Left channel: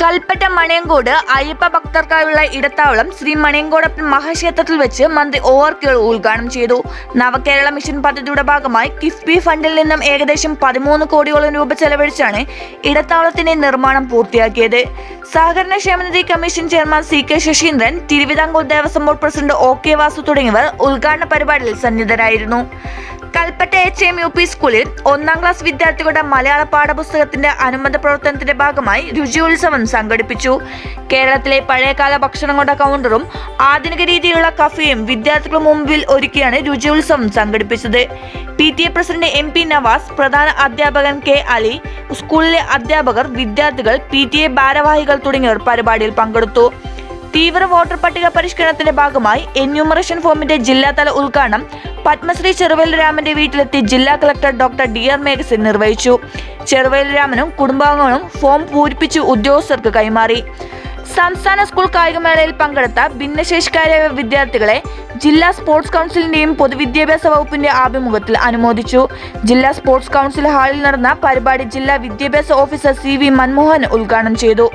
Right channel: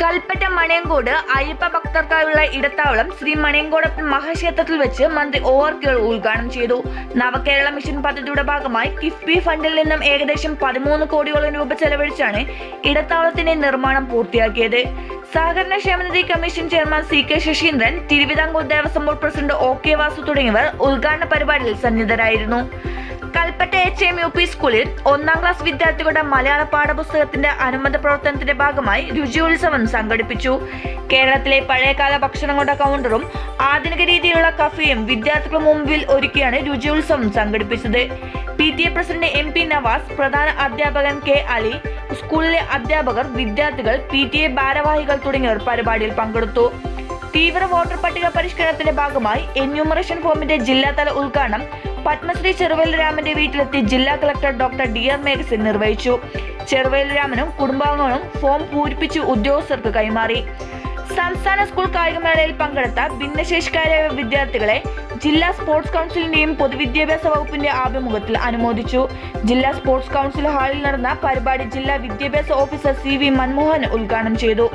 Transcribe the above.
കൽപ്പറ്റ മണിയങ്കോട് അയ്യപ്പ ഭക്തർക്കായുള്ള ഇടത്താവളം ശ്രീ മണയങ്കോടപ്പൻ മഹാക്ഷേത്രത്തിൽ വെച്ച് മന്ത്രി O R കേൾ ഉദ്ഘാടനം ചെയ്തു. നവകേരള മിഷൻ പദ്ധതിയുടെ ഭാഗമായി കിഫ്ബി ഫണ്ടിൽ നിന്നും ഏകദേശം പതിമൂന്ന് കോടിയോളം രൂപ ചെലവഴിച്ചാണ് ഇടത്താവളത്തിന്റെ നിർമ്മാണം പൂർത്തിയാക്കിയത്. സഹകരണ ക്ഷേമനിധി commission chairman C K Saseendran Thiruvithamkoor Devaswom board president O K Vasu തുടങ്ങിയവർ ഉദ്ഘാടന പരിപാടിയിൽ സന്നിധരായിരുന്നു Kalpetta H M U P സ്കൂളിൽ ഒന്നാം ക്ലാസ് വിദ്യാർത്ഥികളുടെ മലയാള പാഠപുസ്തകത്തിന്റെ അനുബന്ധ പ്രവർത്തനത്തിന്റെ ഭാഗമായി രുചിയോത്സവം സംഘടിപ്പിച്ചു. കേരളത്തിലെ പഴയകാല ഭക്ഷണങ്ങളുടെ കൗണ്ടറും ആധുനിക രീതിയിലുള്ള കഫേയും വിദ്യാർത്ഥികൾ മുമ്പിൽ ഒരുക്കിയാണ് രുചിയോത്സവം സംഘടിപ്പിച്ചത്. P T A president M P Navas പ്രധാന അധ്യാപകൻ കെ അലി സ്കൂളിലെ അധ്യാപകർ വിദ്യാർത്ഥികൾ പി ടി എ ഭാരവാഹികൾ തുടങ്ങിയവർ പരിപാടിയിൽ പങ്കെടുത്തു. തീവ്ര വോട്ടർ പട്ടിക പരിഷ്കരണത്തിന്റെ ഭാഗമായി എന്യൂമറേഷൻ ഫോമിന്റെ ജില്ലാതല ഉദ്ഘാടനം പത്മശ്രീ ചെറുവേൽ രാമന്റെ വീട്ടിലെത്തി ജില്ലാ collector doctor D R Meghasan നിർവഹിച്ചു. ചെറുവേൽ രാമനും കുടുംബാംഗങ്ങളും ഫോം പൂരിപ്പിച്ച് ഉദ്യോഗസ്ഥർക്ക് കൈമാറി. സംസ്ഥാന സ്കൂൾ കായികമേളയിൽ പങ്കെടുത്ത ഭിന്നശേഷിക്കാരായ വിദ്യാർത്ഥികളെ ജില്ലാ സ്പോർട്സ് കൗൺസിലിന്റെയും പൊതുവിദ്യാഭ്യാസ വകുപ്പിന്റെ ആഭിമുഖ്യത്തിൽ അനുമോദിച്ചു. ജില്ലാ സ്പോർട്സ് കൗൺസിൽ ഹാളിൽ നടന്ന പരിപാടി ജില്ലാ വിദ്യാഭ്യാസ ഓഫീസർ സി വി മൻമോഹൻ ഉദ്ഘാടനം ചെയ്തു.